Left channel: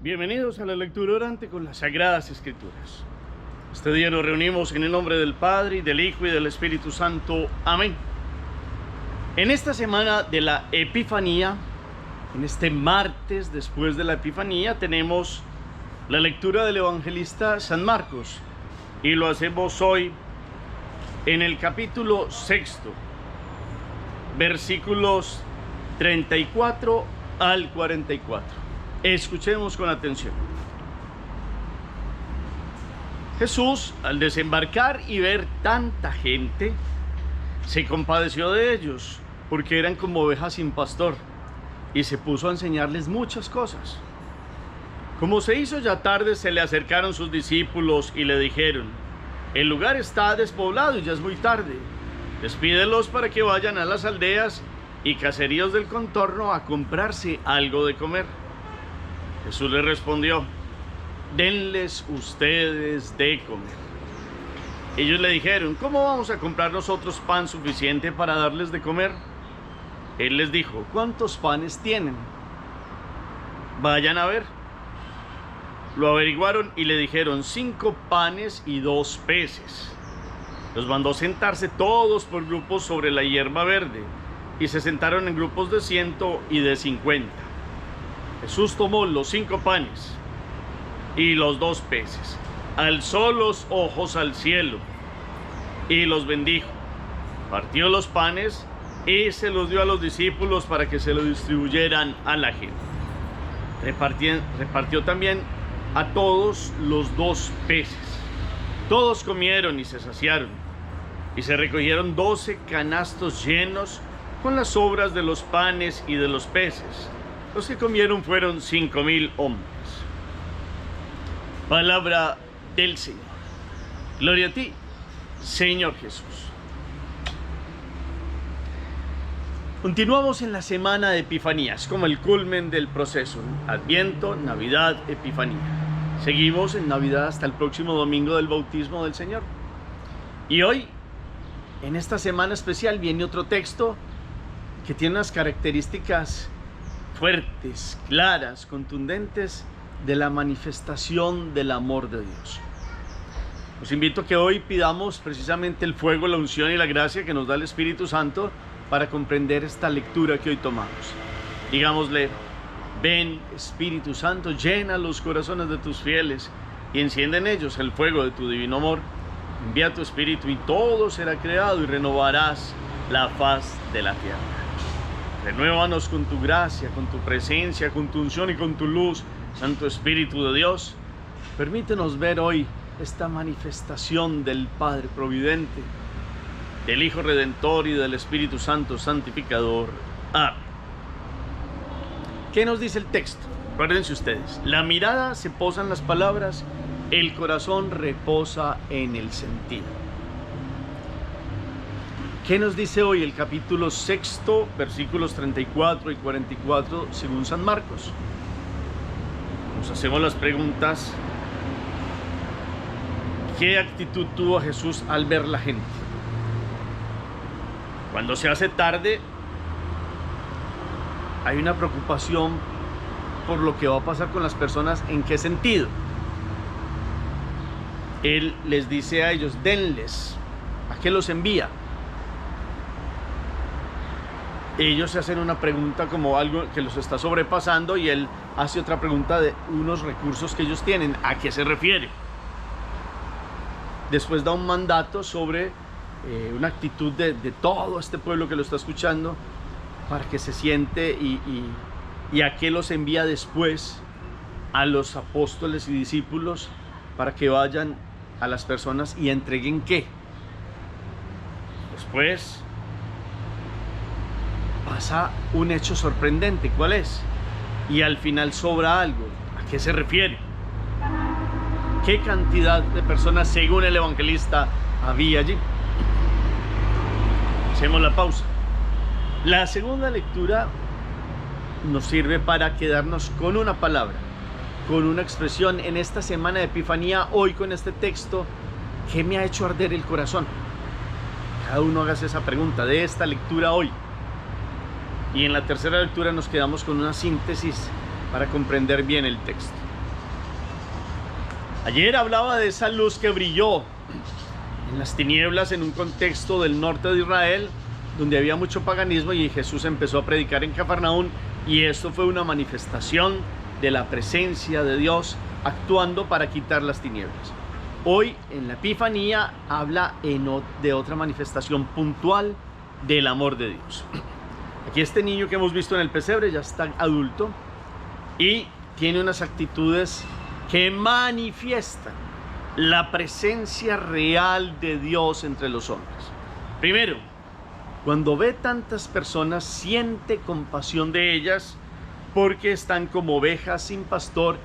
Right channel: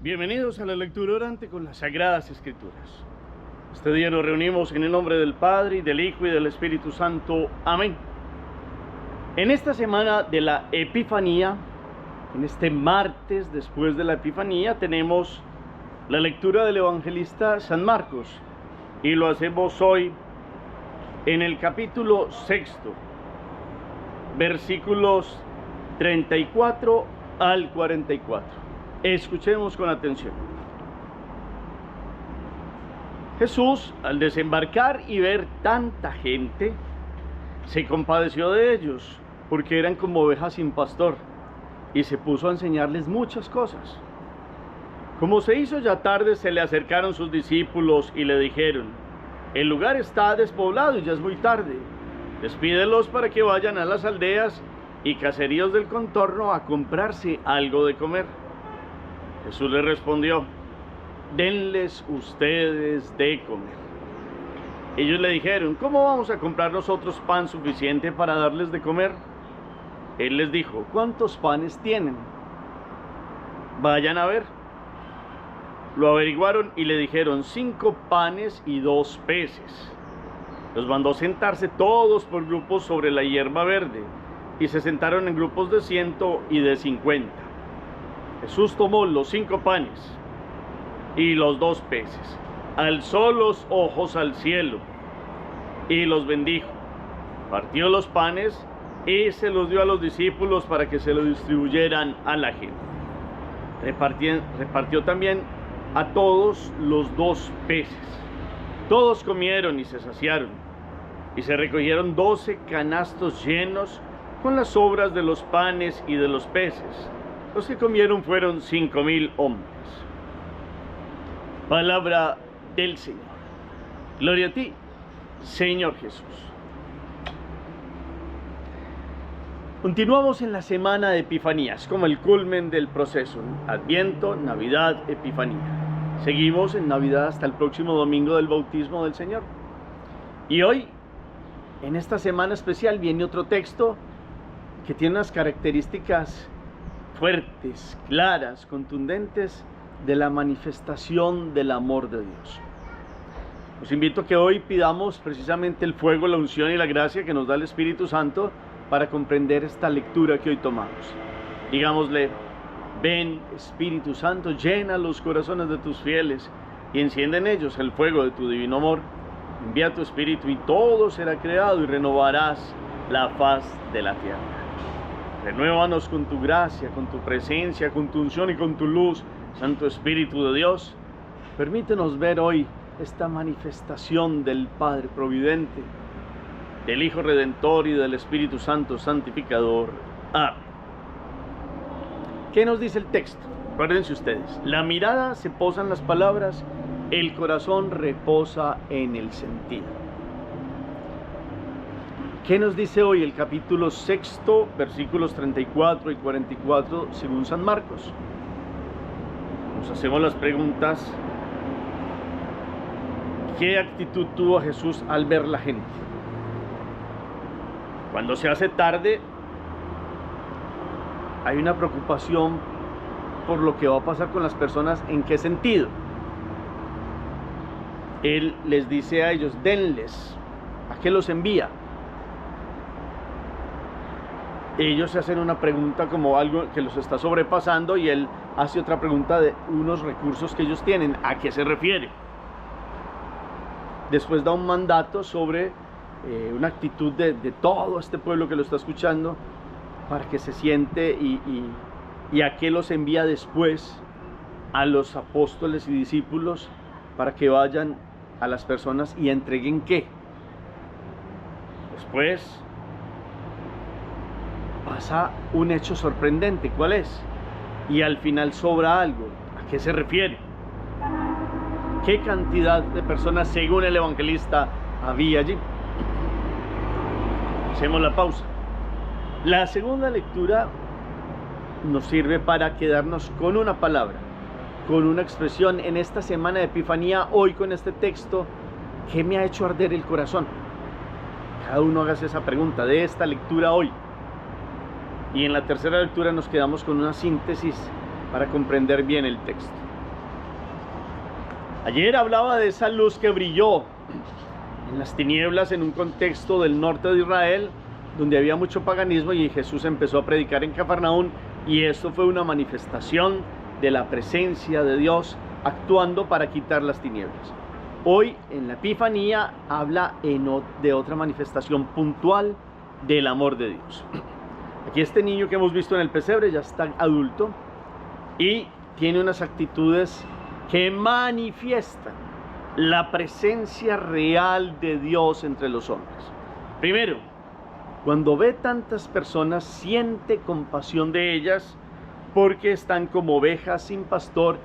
Bienvenidos a la lectura orante con las Sagradas Escrituras. Este día nos reunimos en el nombre del Padre, y del Hijo, y del Espíritu Santo. Amén. En esta semana de la Epifanía, en este martes después de la Epifanía, tenemos la lectura del evangelista San Marcos. Y lo hacemos hoy en el capítulo 6, versículos 34 al 44. Escuchemos con atención. Jesús, al desembarcar y ver tanta gente, se compadeció de ellos, porque eran como ovejas sin pastor, y se puso a enseñarles muchas cosas. Como se hizo ya tarde, se le acercaron sus discípulos y le dijeron: el lugar está despoblado y ya es muy tarde. Despídelos para que vayan a las aldeas y caseríos del contorno a comprarse algo de comer. Jesús les respondió: denles ustedes de comer. Ellos le dijeron: ¿cómo vamos a comprar nosotros pan suficiente para darles de comer? Él les dijo: ¿cuántos panes tienen? Vayan a ver. Lo averiguaron y le dijeron: 5 panes y 2 peces. Los mandó sentarse todos por grupos sobre la hierba verde, y se sentaron en grupos de 100 y de 50. Jesús tomó los 5 panes y los 2 peces, alzó los ojos al cielo y los bendijo. Partió los panes y se los dio a los discípulos para que se lo distribuyeran a la gente. Repartió también a todos los 2 peces. Todos comieron y se saciaron, y se recogieron 12 canastos llenos con las sobras de los panes y de los peces. Los que comieron fueron 5,000 hombres. Palabra del Señor. Gloria a ti, Señor Jesús. Continuamos en la semana de Epifanías, como el culmen del proceso: Adviento, Navidad, Epifanía. Seguimos en Navidad hasta el próximo domingo del bautismo del Señor. Y hoy, en esta semana especial, viene otro texto que tiene unas características fuertes, claras, contundentes de la manifestación del amor de Dios. Os invito a que hoy pidamos precisamente el fuego, la unción y la gracia que nos da el Espíritu Santo para comprender esta lectura que hoy tomamos. Digámosle: ven, Espíritu Santo, llena los corazones de tus fieles y enciende en ellos el fuego de tu divino amor. Envía tu Espíritu y todo será creado y renovarás la faz de la tierra. Renuévanos con tu gracia, con tu presencia, con tu unción y con tu luz, Santo Espíritu de Dios. Permítenos ver hoy esta manifestación del Padre Providente, del Hijo Redentor y del Espíritu Santo Santificador. Amén. ¿Qué nos dice el texto? Acuérdense ustedes: la mirada se posa en las palabras, el corazón reposa en el sentido. ¿Qué nos dice hoy el capítulo 6, versículos 34 y 44 según San Marcos? Nos hacemos las preguntas: ¿qué actitud tuvo Jesús al ver la gente? Cuando se hace tarde, hay una preocupación por lo que va a pasar con las personas. ¿En qué sentido? Él les dice a ellos: denles. ¿A qué los envía? Ellos se hacen una pregunta como algo que los está sobrepasando, y él hace otra pregunta de unos recursos que ellos tienen. ¿A qué se refiere? Después da un mandato sobre una actitud de todo este pueblo que lo está escuchando, para que se siente, y a qué los envía después: a los apóstoles y discípulos, para que vayan a las personas y entreguen ¿qué? Después pasa un hecho sorprendente. ¿Cuál es? Y al final sobra algo. ¿A qué se refiere? ¿Qué cantidad de personas, según el evangelista, había allí? Hacemos la pausa. La segunda lectura nos sirve para quedarnos con una palabra, con una expresión en esta semana de Epifanía. Hoy, con este texto, ¿qué me ha hecho arder el corazón? Cada uno hágase esa pregunta de esta lectura hoy. Y en la tercera lectura nos quedamos con una síntesis para comprender bien el texto. Ayer hablaba de esa luz que brilló en las tinieblas en un contexto del norte de Israel, donde había mucho paganismo, y Jesús empezó a predicar en Cafarnaún, y esto fue una manifestación de la presencia de Dios actuando para quitar las tinieblas. Hoy en la Epifanía habla de otra manifestación puntual del amor de Dios. Aquí este niño que hemos visto en el pesebre ya está adulto y tiene unas actitudes que manifiestan la presencia real de Dios entre los hombres. Primero, cuando ve tantas personas, siente compasión de ellas porque están como ovejas sin pastor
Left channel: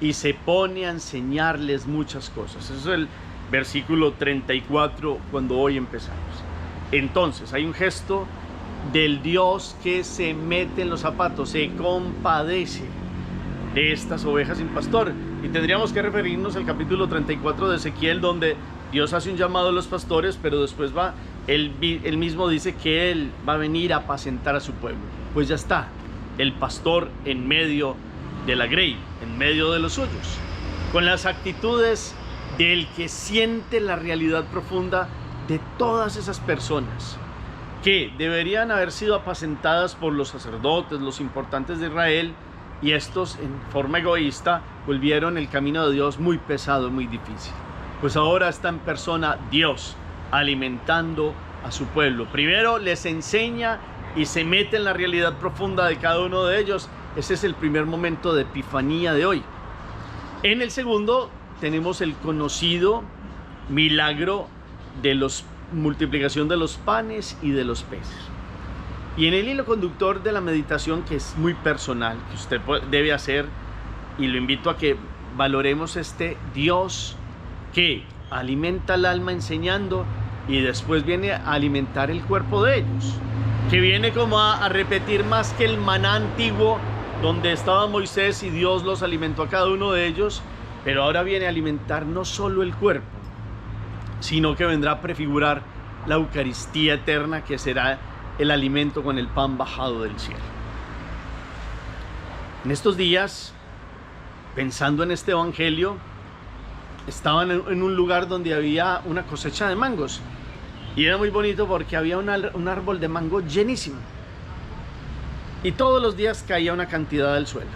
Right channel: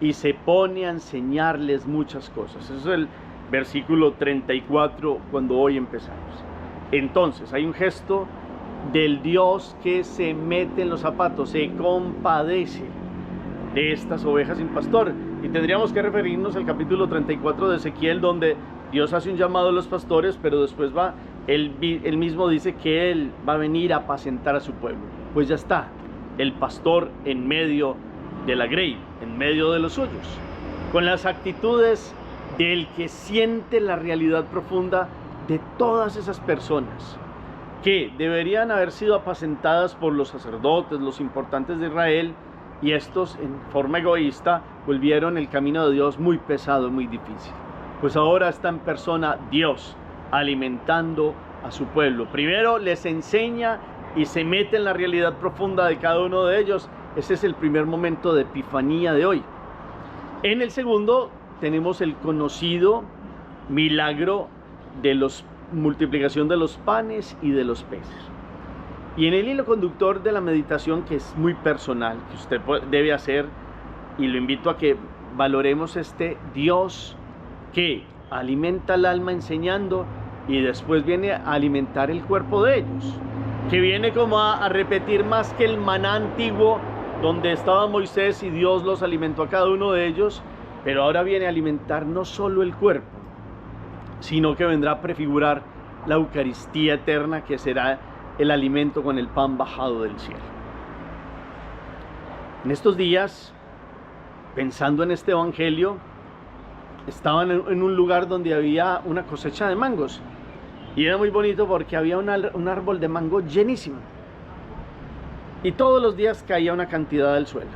y se pone a enseñarles muchas cosas. Eso es el versículo 34 cuando hoy empezamos. Entonces hay un gesto del Dios que se mete en los zapatos, se compadece de estas ovejas sin pastor. Y tendríamos que referirnos al capítulo 34 de Ezequiel, donde Dios hace un llamado a los pastores, pero después él mismo dice que Él va a venir a apacentar a su pueblo. Pues ya está, el pastor en medio de la grey, en medio de los suyos, con las actitudes del que siente la realidad profunda de todas esas personas que deberían haber sido apacentadas por los sacerdotes, los importantes de Israel, y estos en forma egoísta volvieron el camino de Dios muy pesado, muy difícil. Pues ahora está en persona Dios alimentando a su pueblo. Primero les enseña y se mete en la realidad profunda de cada uno de ellos. Ese es el primer momento de Epifanía de hoy. En el segundo tenemos el conocido milagro de la multiplicación de los panes y de los peces. Y en el hilo conductor de la meditación, que es muy personal, que usted debe hacer, y lo invito a que valoremos este Dios que alimenta el alma enseñando y después viene a alimentar el cuerpo de ellos, que viene como a repetir más que el maná antiguo donde estaba Moisés y Dios los alimentó a cada uno de ellos, pero ahora viene a alimentar no solo el cuerpo, sino que vendrá a prefigurar la Eucaristía eterna, que será el alimento con el pan bajado del cielo. En estos días, pensando en este evangelio, estaban en un lugar donde había una cosecha de mangos, y era muy bonito porque había un árbol de mango llenísimo, y todos los días caía una cantidad del suelo.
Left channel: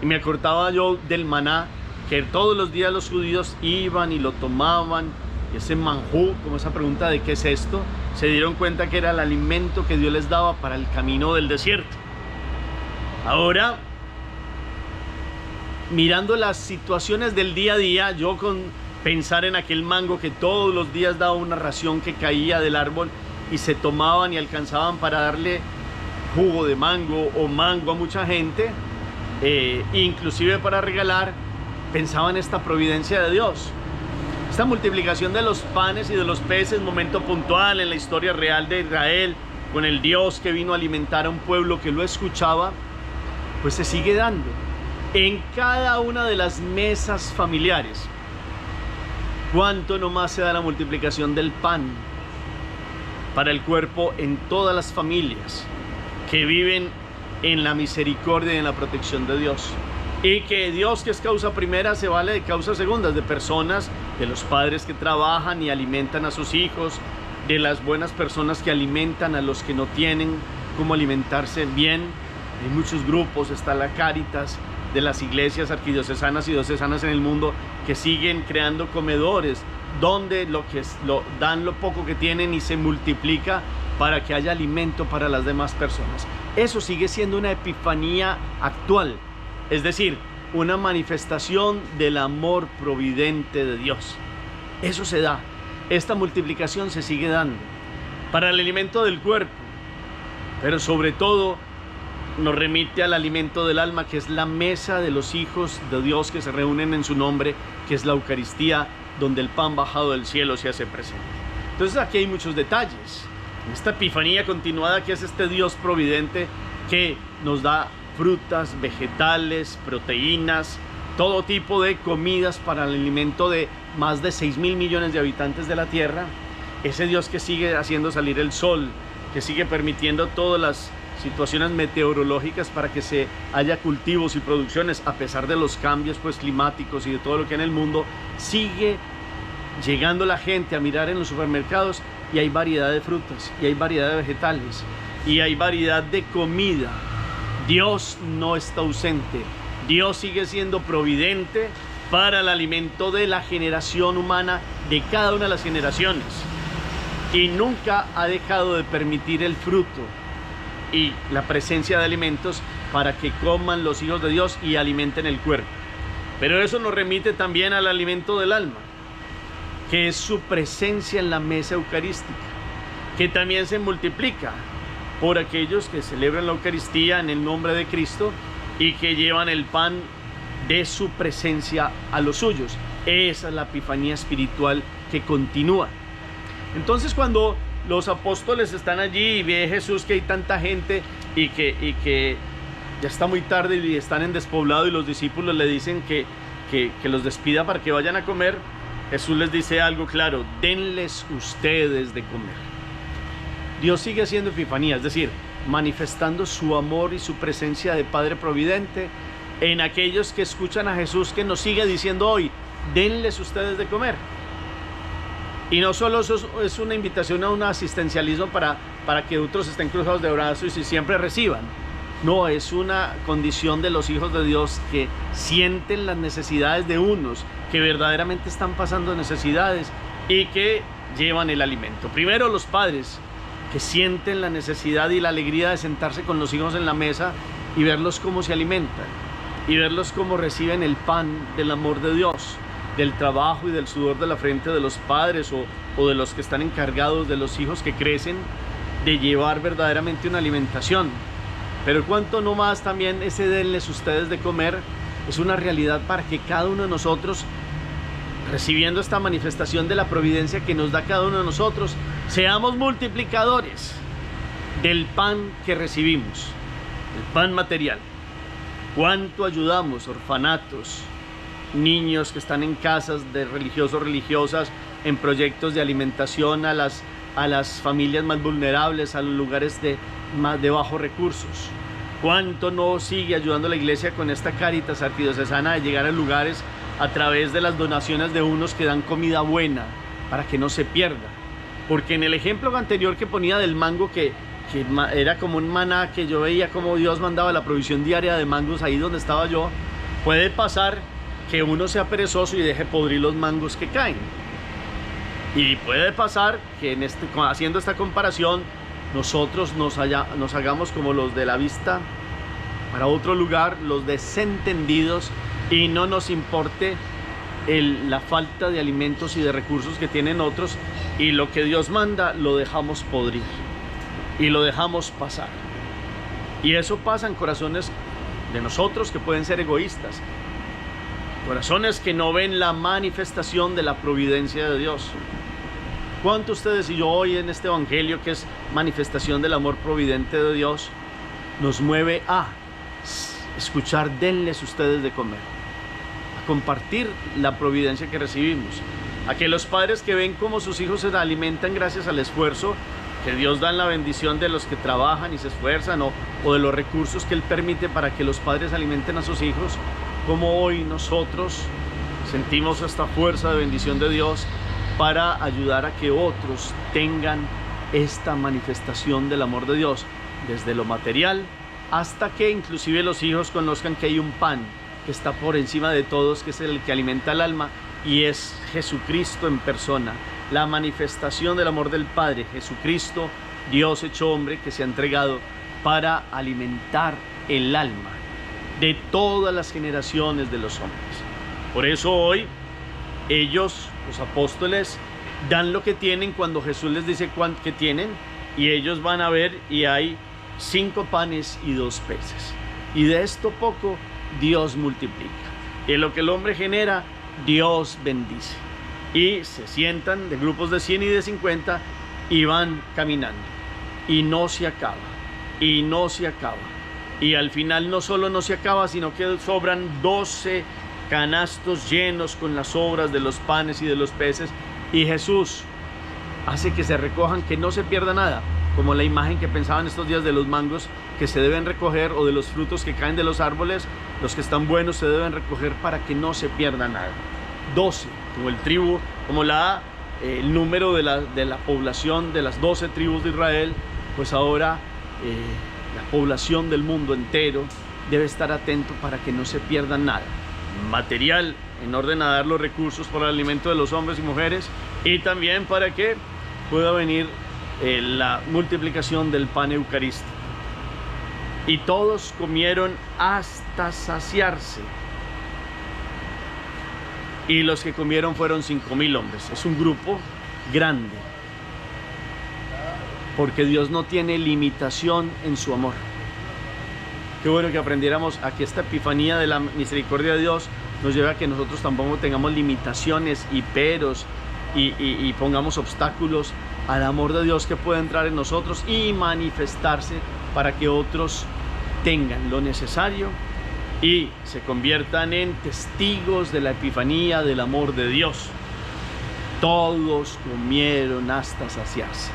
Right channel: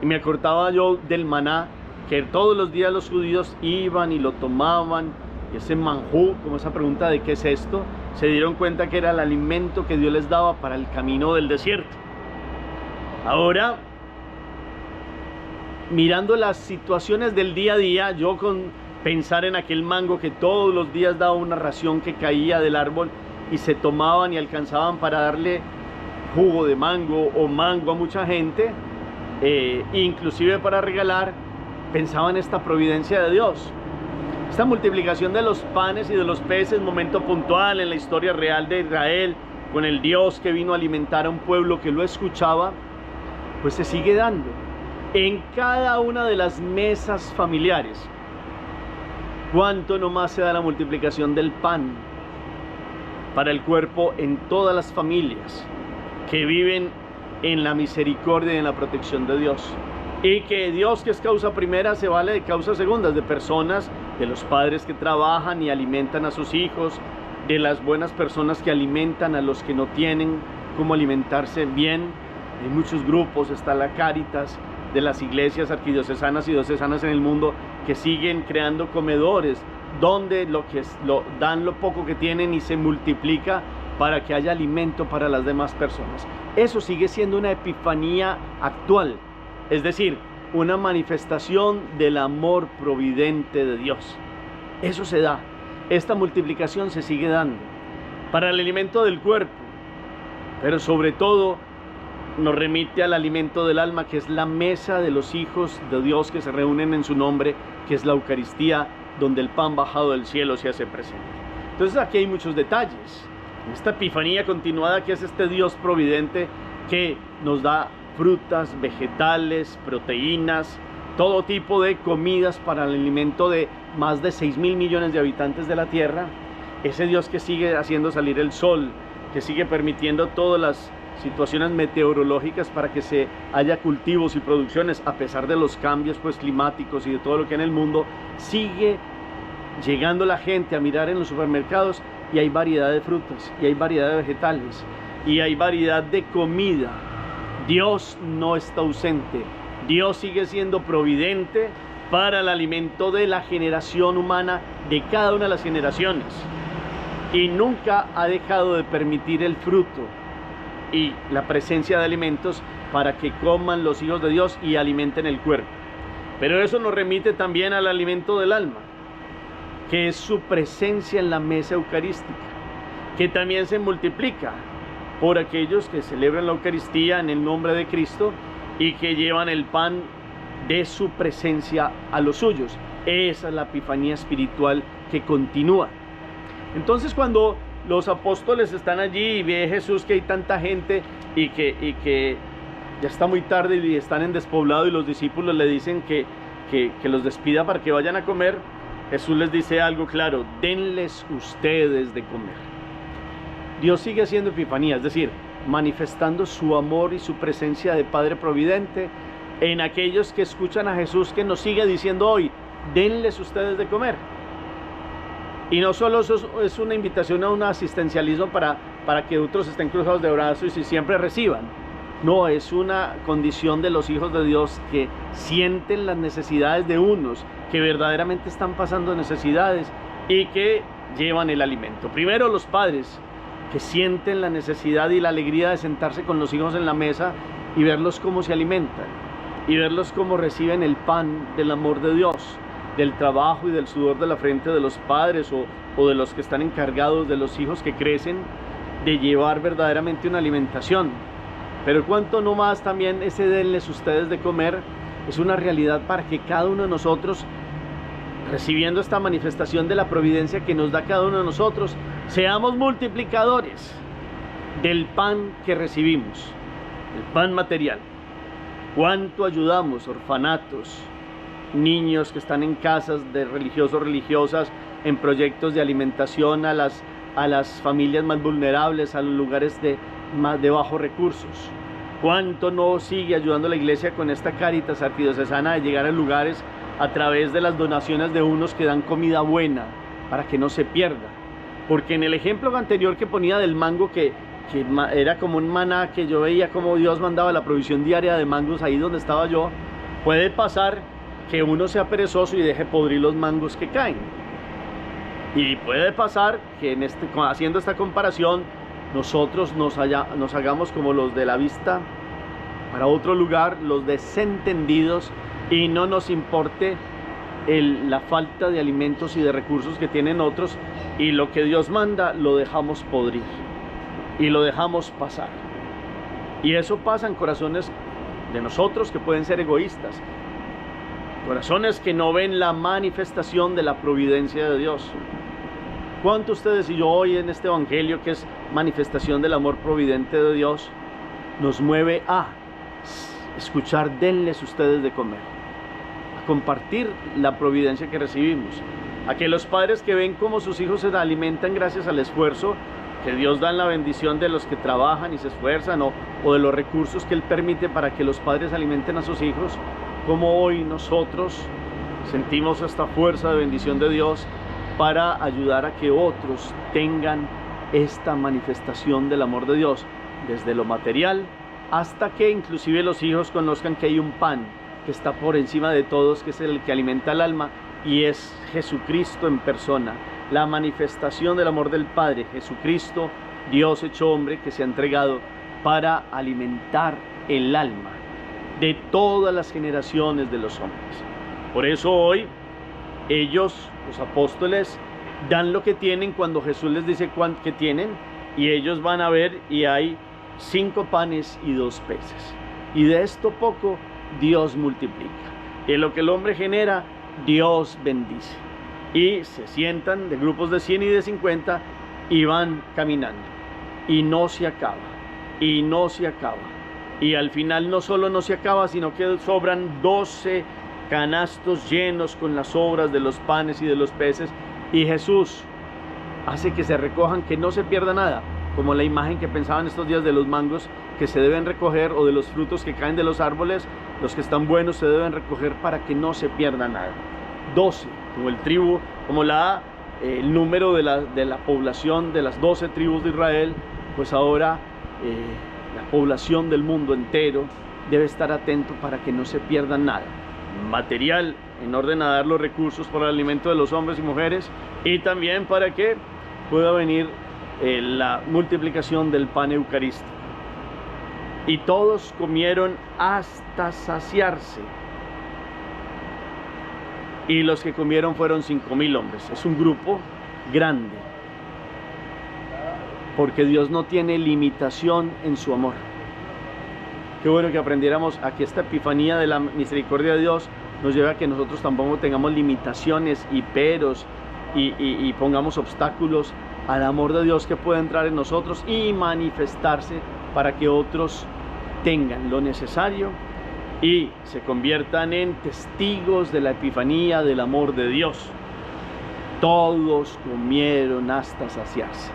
Y me acordaba yo del maná, que todos los días los judíos iban y lo tomaban, y ese manjú, como esa pregunta de qué es esto, se dieron cuenta que era el alimento que Dios les daba para el camino del desierto. Ahora, mirando las situaciones del día a día, yo con pensar en aquel mango que todos los días daba una ración que caía del árbol y se tomaban y alcanzaban para darle jugo de mango o mango a mucha gente, inclusive para regalar, pensaba en esta providencia de Dios. Esta multiplicación de los panes y de los peces, momento puntual en la historia real de Israel, con el Dios que vino a alimentar a un pueblo que lo escuchaba, pues se sigue dando en cada una de las mesas familiares. ¿Cuánto nomás se da la multiplicación del pan para el cuerpo en todas las familias que viven en la misericordia y en la protección de Dios? Y que Dios, que es causa primera, se vale de causas segundas, de personas, de los padres que trabajan y alimentan a sus hijos, de las buenas personas que alimentan a los que no tienen cómo alimentarse bien. Hay muchos grupos, está la Cáritas, de las iglesias arquidiocesanas y diocesanas en el mundo, que siguen creando comedores donde dan lo poco que tienen y se multiplica para que haya alimento para las demás personas. Eso sigue siendo una epifanía actual, es decir, una manifestación del amor providente de Dios. Eso se da, esta multiplicación se sigue dando para el alimento del cuerpo, pero sobre todo nos remite al alimento del alma, que es la mesa de los hijos de Dios que se reúnen en su nombre, que es la Eucaristía, donde el pan bajado del cielo se hace presente. Entonces aquí hay muchos detalles. Esta epifanía continuada, que es este Dios providente que nos da frutas, vegetales, proteínas, todo tipo de comidas para el alimento de más de 6.000 millones de habitantes de la tierra. Ese Dios que sigue haciendo salir el sol, que sigue permitiendo todas las situaciones meteorológicas para que se haya cultivos y producciones, a pesar de los cambios pues climáticos y de todo lo que hay en el mundo, sigue llegando la gente a mirar en los supermercados y hay variedad de frutas, y hay variedad de vegetales, y hay variedad de comida. Dios no está ausente. Dios sigue siendo providente para el alimento de la generación humana, de cada una de las generaciones. Y nunca ha dejado de permitir el fruto y la presencia de alimentos para que coman los hijos de Dios y alimenten el cuerpo. Pero eso nos remite también al alimento del alma, que es su presencia en la mesa eucarística, que también se multiplica por aquellos que celebran la Eucaristía en el nombre de Cristo y que llevan el pan de su presencia a los suyos. Esa es la epifanía espiritual que continúa. Entonces, cuando los apóstoles están allí y ve Jesús que hay tanta gente y que ya está muy tarde y están en despoblado, y los discípulos le dicen que los despida para que vayan a comer, Jesús les dice algo claro: denles ustedes de comer. Dios sigue haciendo epifanía, es decir, manifestando su amor y su presencia de Padre Providente en aquellos que escuchan a Jesús, que nos sigue diciendo hoy: denles ustedes de comer. Y no solo eso es una invitación a un asistencialismo para que otros estén cruzados de brazos y siempre reciban. No, es una condición de los hijos de Dios que sienten las necesidades de unos, que verdaderamente están pasando necesidades y que llevan el alimento. Primero, los padres, que sienten la necesidad y la alegría de sentarse con los hijos en la mesa y verlos cómo se alimentan, y verlos cómo reciben el pan del amor de Dios, del trabajo y del sudor de la frente de los padres o de los que están encargados de los hijos que crecen, de llevar verdaderamente una alimentación. Pero cuánto no más también ese denles ustedes de comer es una realidad para que cada uno de nosotros, recibiendo esta manifestación de la providencia que nos da cada uno de nosotros, seamos multiplicadores del pan que recibimos, el pan material. Cuánto ayudamos orfanatos, niños que están en casas de religiosos, religiosas, en proyectos de alimentación a las familias más vulnerables, a los lugares de bajos recursos. Cuánto no sigue ayudando la iglesia con esta Cáritas arquidiocesana de llegar a lugares a través de las donaciones de unos que dan comida buena para que no se pierda. Porque en el ejemplo anterior que ponía del mango, que era como un maná, que yo veía como Dios mandaba la provisión diaria de mangos ahí donde estaba yo, puede pasar que uno sea perezoso y deje podrir los mangos que caen. Y puede pasar que haciendo esta comparación, nosotros nos hagamos como los de la vista para otro lugar, los desentendidos, y no nos importe la falta de alimentos y de recursos que tienen otros, y lo que Dios manda lo dejamos podrir y lo dejamos pasar. Y eso pasa en corazones de nosotros que pueden ser egoístas, corazones que no ven la manifestación de la providencia de Dios. ¿Cuánto ustedes y yo hoy en este evangelio, que es manifestación del amor providente de Dios, nos mueve a escuchar denles ustedes de comer, a compartir la providencia que recibimos, a que los padres que ven cómo sus hijos se alimentan gracias al esfuerzo que Dios da en la bendición de los que trabajan y se esfuerzan, o de los recursos que Él permite para que los padres alimenten a sus hijos, como hoy nosotros sentimos esta fuerza de bendición de Dios para ayudar a que otros tengan esta manifestación del amor de Dios, desde lo material hasta que inclusive los hijos conozcan que hay un pan que está por encima de todos, que es el que alimenta el alma, y es Jesucristo en persona, la manifestación del amor del Padre, Jesucristo, Dios hecho hombre, que se ha entregado para alimentar el alma de todas las generaciones de los hombres. Por eso hoy ellos, los apóstoles, dan lo que tienen cuando Jesús les dice cuánto que tienen, y ellos van a ver y hay 5 panes y 2 peces, y de esto poco Dios multiplica, y lo que el hombre genera Dios bendice, y se sientan de grupos de 100 y de 50 y van caminando, y no se acaba, y no se acaba, y al final no solo no se acaba, sino que sobran 12 canastos llenos con las sobras de los panes y de los peces, y Jesús hace que se recojan, que no se pierda nada, como la imagen que pensaban estos días de los mangos, que se deben recoger, o de los frutos que caen de los árboles, los que están buenos se deben recoger para que no se pierda nada. 12, como el tribu, como el número de la población de las 12 tribus de Israel, pues ahora la población del mundo entero debe estar atento para que no se pierda nada material, en orden a dar los recursos para el alimento de los hombres y mujeres, y también para que pueda venir la multiplicación del pan eucarístico. Y todos comieron hasta saciarse, y los que comieron fueron 5,000 hombres. Es un grupo grande, porque Dios no tiene limitación en su amor. Qué bueno que aprendiéramos a que esta epifanía de la misericordia de Dios nos lleve a que nosotros tampoco tengamos limitaciones y peros y pongamos obstáculos al amor de Dios que puede entrar en nosotros y manifestarse para que otros tengan lo necesario y se conviertan en testigos de la epifanía del amor de Dios. Todos comieron hasta saciarse.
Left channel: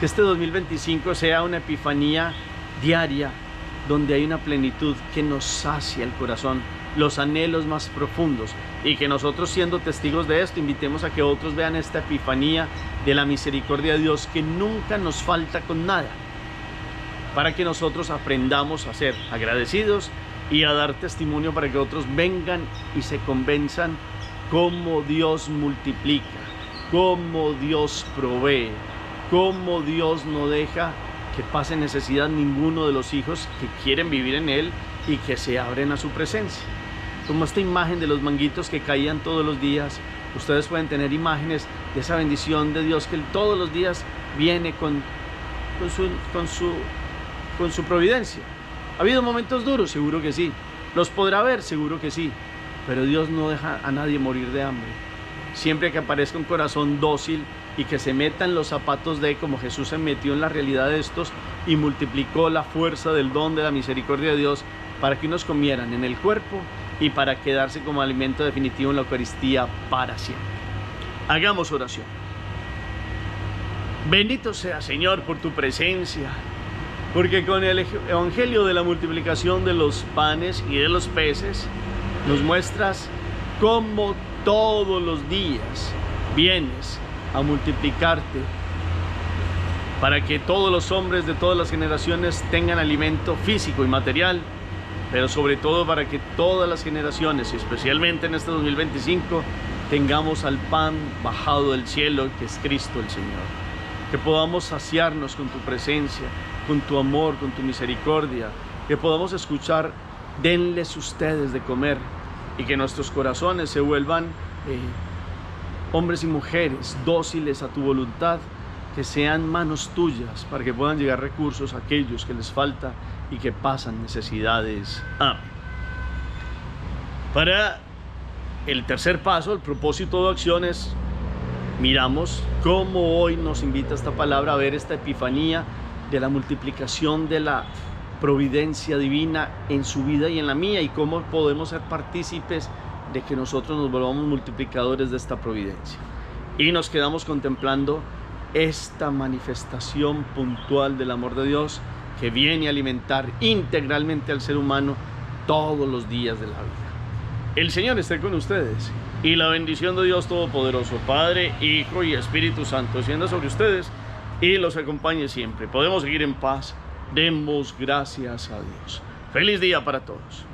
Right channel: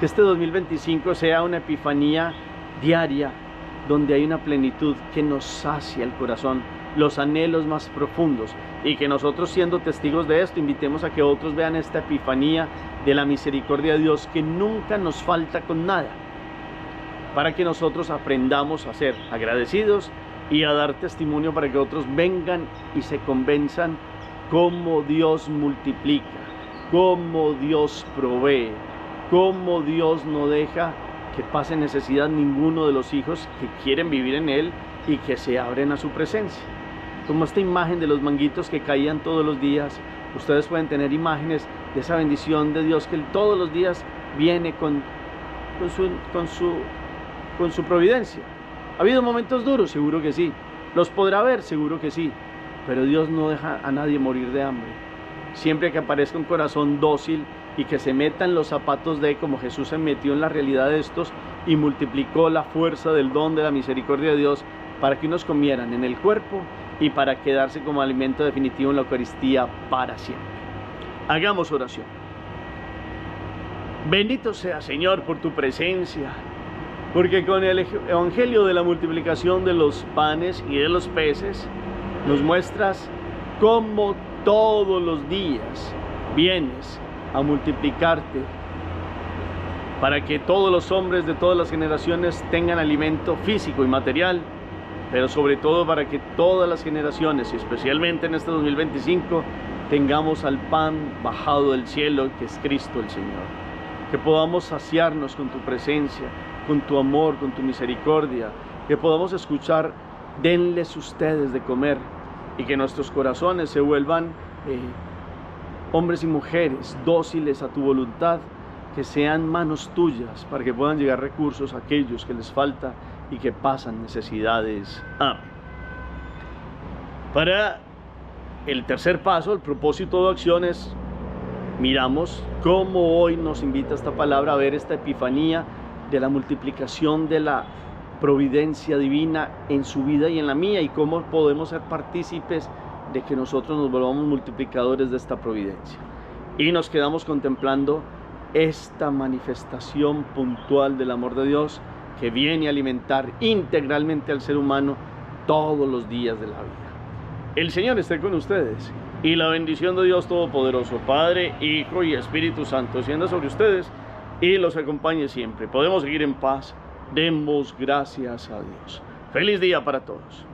Que este 2025 sea una epifanía diaria, donde hay una plenitud que nos sacia el corazón, los anhelos más profundos, y que nosotros, siendo testigos de esto, invitemos a que otros vean esta epifanía de la misericordia de Dios, que nunca nos falta con nada, para que nosotros aprendamos a ser agradecidos y a dar testimonio para que otros vengan y se convenzan cómo Dios multiplica, cómo Dios provee, cómo Dios no deja que pase necesidad ninguno de los hijos que quieren vivir en Él y que se abren a su presencia. Como esta imagen de los manguitos que caían todos los días, ustedes pueden tener imágenes de esa bendición de Dios que Él todos los días viene con su providencia. ¿Ha habido momentos duros? Seguro que sí. ¿Los podrá haber? Seguro que sí. Pero Dios no deja a nadie morir de hambre. Siempre que aparezca un corazón dócil y que se meta en los zapatos de, como Jesús se metió en la realidad de estos y multiplicó la fuerza del don de la misericordia de Dios para que unos comieran en el cuerpo y para quedarse como alimento definitivo en la Eucaristía para siempre. Hagamos oración. Bendito sea, Señor, por tu presencia, porque con el evangelio de la multiplicación de los panes y de los peces nos muestras cómo todos los días vienes a multiplicarte para que todos los hombres de todas las generaciones tengan alimento físico y material, pero sobre todo para que todas las generaciones, y especialmente en este 2025, tengamos al pan bajado del cielo, que es Cristo el Señor. Que podamos saciarnos con tu presencia, con tu amor, con tu misericordia, que podamos escuchar: denles ustedes de comer, y que nuestros corazones se vuelvan hombres y mujeres dóciles a tu voluntad, que sean manos tuyas para que puedan llegar recursos a aquellos que les falta y que pasan necesidades. Amén. Para el tercer paso, el propósito de acciones, miramos cómo hoy nos invita esta palabra a ver esta epifanía de la multiplicación de la providencia divina en su vida y en la mía, y cómo podemos ser partícipes de que nosotros nos volvamos multiplicadores de esta providencia. Y nos quedamos contemplando esta manifestación puntual del amor de Dios que viene a alimentar integralmente al ser humano todos los días de la vida. El Señor esté con ustedes, y la bendición de Dios Todopoderoso, Padre, Hijo y Espíritu Santo, descienda sobre ustedes y los acompañe siempre. Podemos seguir en paz. Demos gracias a Dios. Feliz día para todos.